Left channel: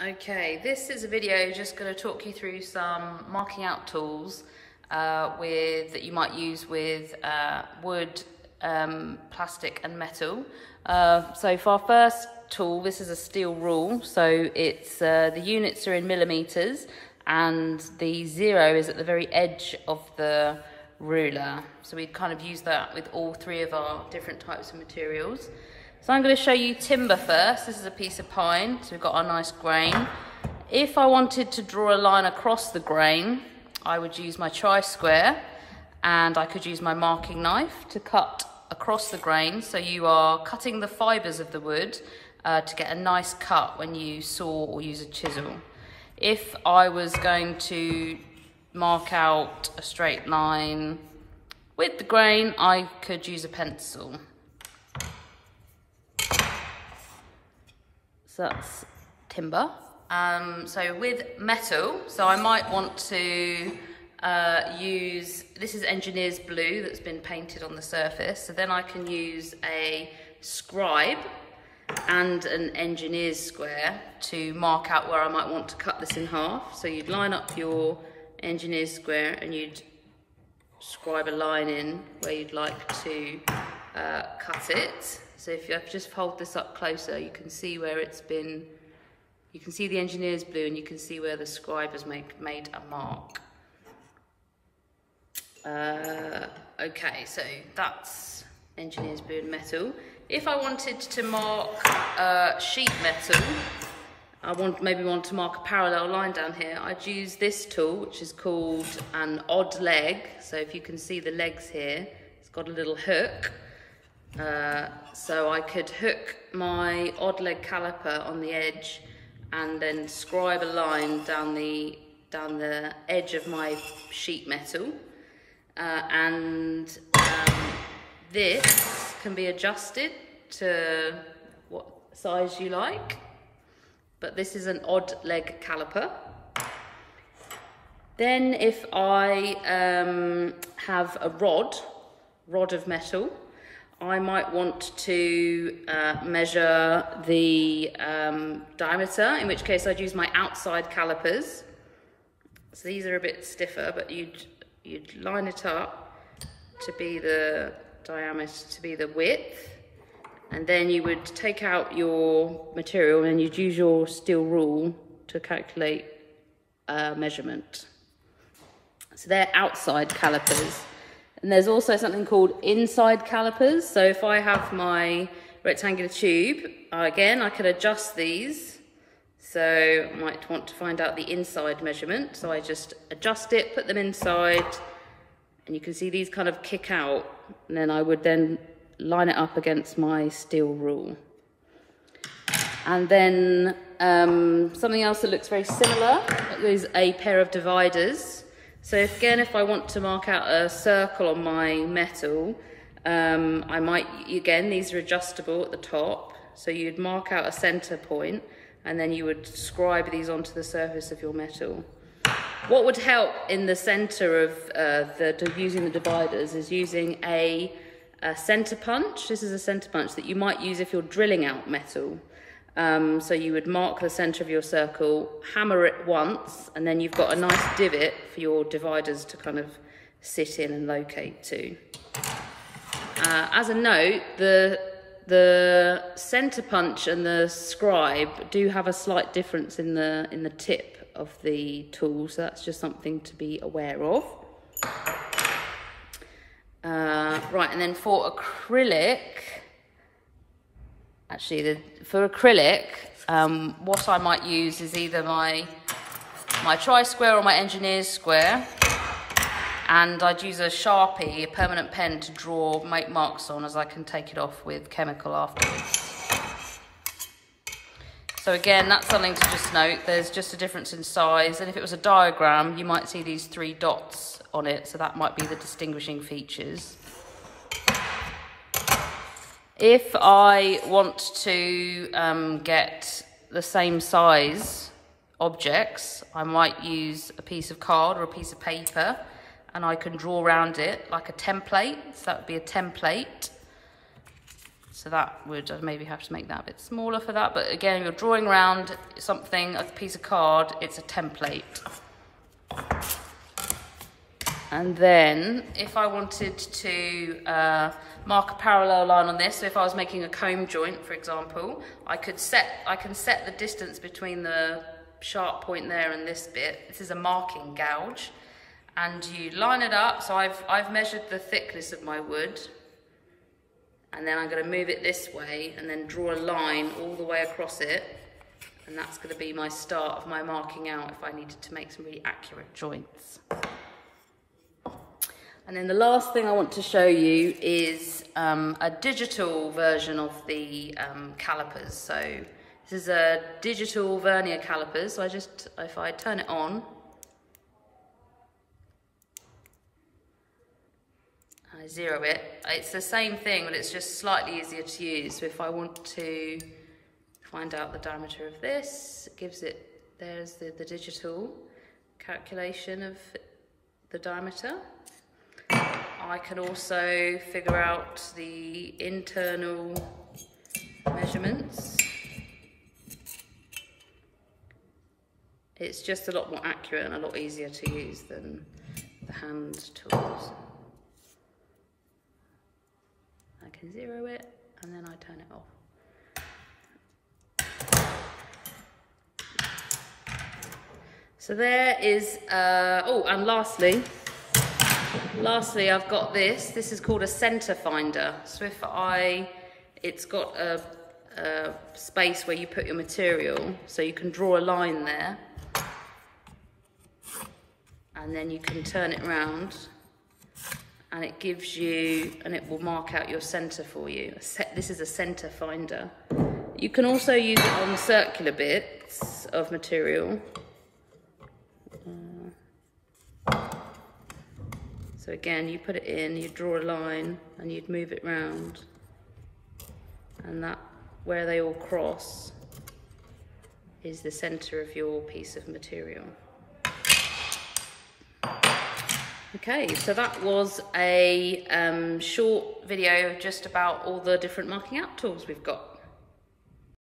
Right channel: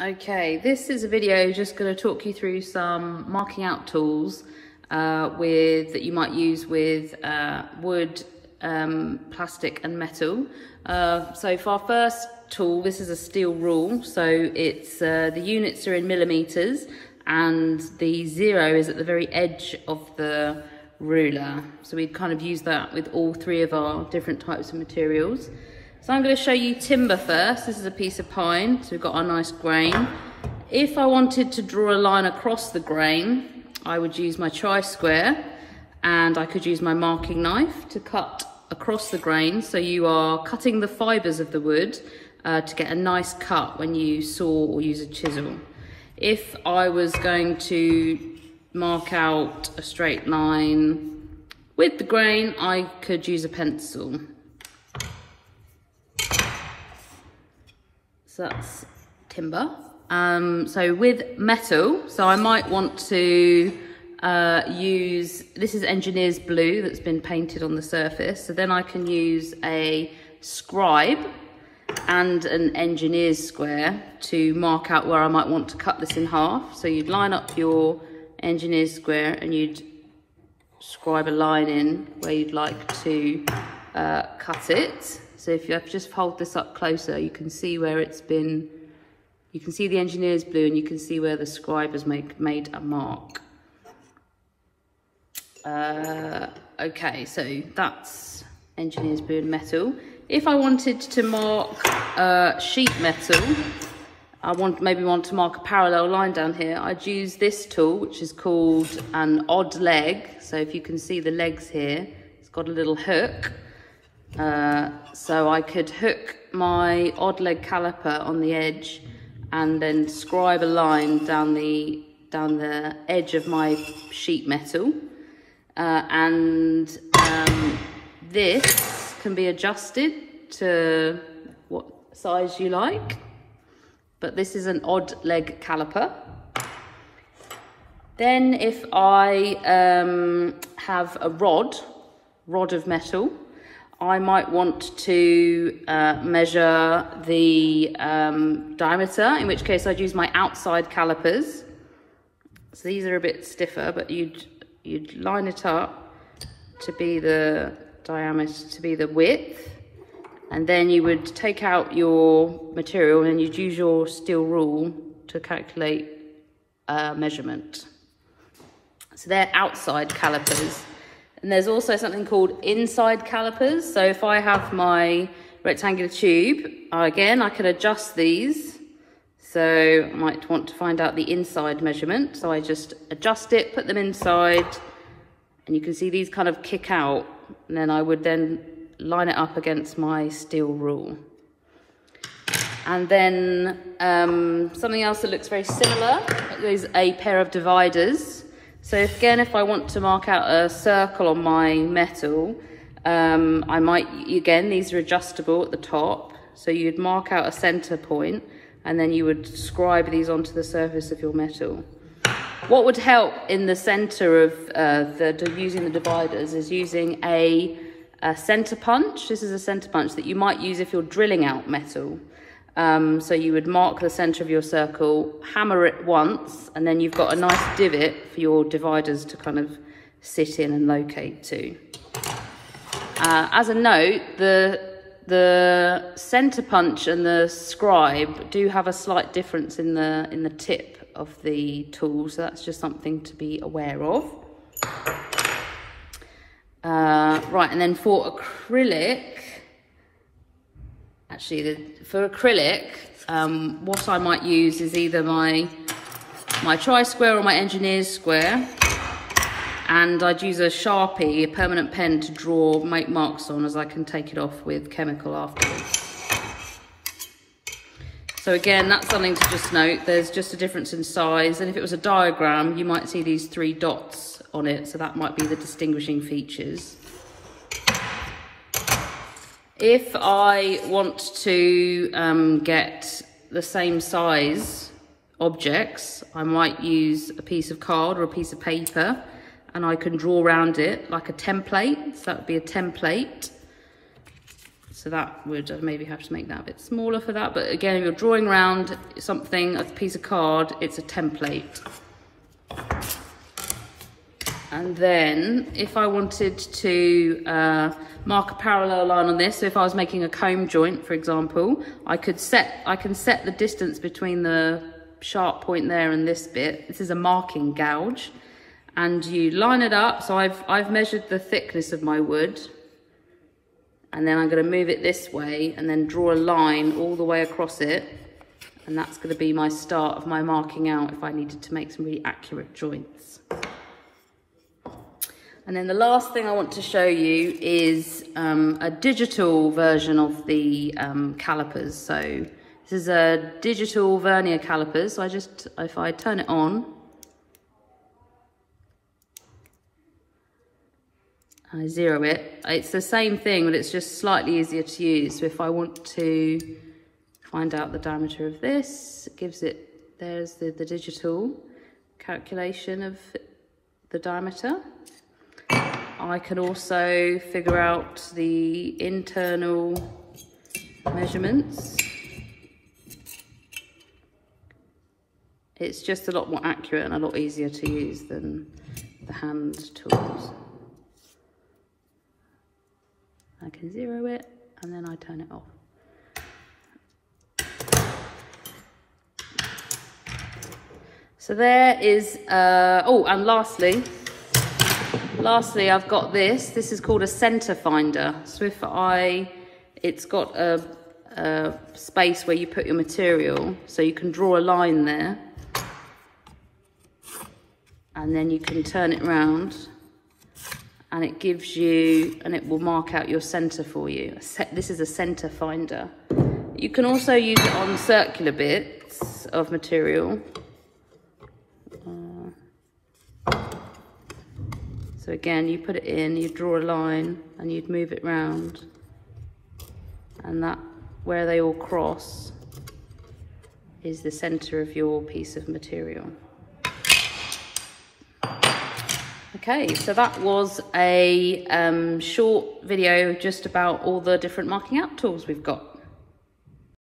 Okay, this is a video just going to talk you through some marking out tools that you might use with wood, plastic and metal. So for our first tool, this is a steel rule. So it's the units are in millimeters and the 0 is at the very edge of the ruler. So we'd kind of use that with all three of our different types of materials. So I'm going to show you timber first. This is a piece of pine, so we've got our nice grain. If I wanted to draw a line across the grain, I would use my tri-square, and I could use my marking knife to cut across the grain. So you are cutting the fibres of the wood to get a nice cut when you saw or use a chisel. If I was going to mark out a straight line with the grain, I could use a pencil. So that's timber. So with metal, so I might want to use, this is engineer's blue that's been painted on the surface. So then I can use a scribe and an engineer's square to mark out where I might want to cut this in half. So you'd line up your engineer's square and you'd scribe a line in where you'd like to cut it. So if you just hold this up closer, you can see where it's been, you can see the engineer's blue and you can see where the scribe has made a mark. Okay, so that's engineer's blue and metal. If I wanted to mark sheet metal, maybe want to mark a parallel line down here, I'd use this tool, which is called an odd leg. So if you can see the legs here, it's got a little hook. So I could hook my odd leg caliper on the edge and then scribe a line down the edge of my sheet metal. This can be adjusted to what size you like, but this is an odd leg caliper. Then if I have a rod of metal, I might want to measure the diameter, in which case I'd use my outside calipers. So these are a bit stiffer, but you'd line it up to be the diameter, to be the width, and then you would take out your material and you'd use your steel rule to calculate measurement. So they're outside calipers. And there's also something called inside calipers. So if I have my rectangular tube, again, I can adjust these. So I might want to find out the inside measurement. So I just adjust it, put them inside, and you can see these kind of kick out. And then I would then line it up against my steel rule. And then something else that looks very similar is a pair of dividers. So again, if I want to mark out a circle on my metal, I might, again, these are adjustable at the top. So you'd mark out a center point and then you would scribe these onto the surface of your metal. What would help in the center of using the dividers is using a center punch. This is a center punch that you might use if you're drilling out metal. So you would mark the center of your circle, hammer it once, and then you've got a nice divot for your dividers to kind of sit in and locate to. As a note, the center punch and the scribe do have a slight difference in the tip of the tool, so that's just something to be aware of. Right, and then for acrylic, for acrylic, what I might use is either my tri-square or my engineer's square, and I'd use a Sharpie, a permanent pen, to make marks on, as I can take it off with chemical afterwards. So again, that's something to just note. There's just a difference in size, and if it was a diagram, you might see these 3 dots on it, so that might be the distinguishing features. If I want to get the same size objects, I might use a piece of card or a piece of paper, and I can draw around it like a template. So that would be a template. So that would maybe have to make that a bit smaller for that. But again, if you're drawing around something, a piece of card, it's a template. And then if I wanted to mark a parallel line on this, so if I was making a comb joint, for example, I can set the distance between the sharp point there and this bit. This is a marking gouge, and you line it up. So I've measured the thickness of my wood, and then I'm going to move it this way and then draw a line all the way across it, and that's going to be my start of my marking out if I needed to make some really accurate joints. And then the last thing I want to show you is a digital version of the calipers. So this is a digital vernier caliper. So if I turn it on, I zero it. It's the same thing, but it's just slightly easier to use. So if I want to find out the diameter of this, it gives it, there's the digital calculation of the diameter. I can also figure out the internal measurements. It's just a lot more accurate and a lot easier to use than the hand tools. I can zero it and then I turn it off. So there is, oh, and lastly, I've got this. This is called a center finder. So if it's got a space where you put your material, so you can draw a line there, and then you can turn it around, and it gives you, and it will mark out your center for you. This is a center finder. You can also use it on circular bits of material. So again, you put it in, you draw a line, and you'd move it round, and that, where they all cross, is the center of your piece of material. Okay, so that was a short video just about all the different marking out tools we've got.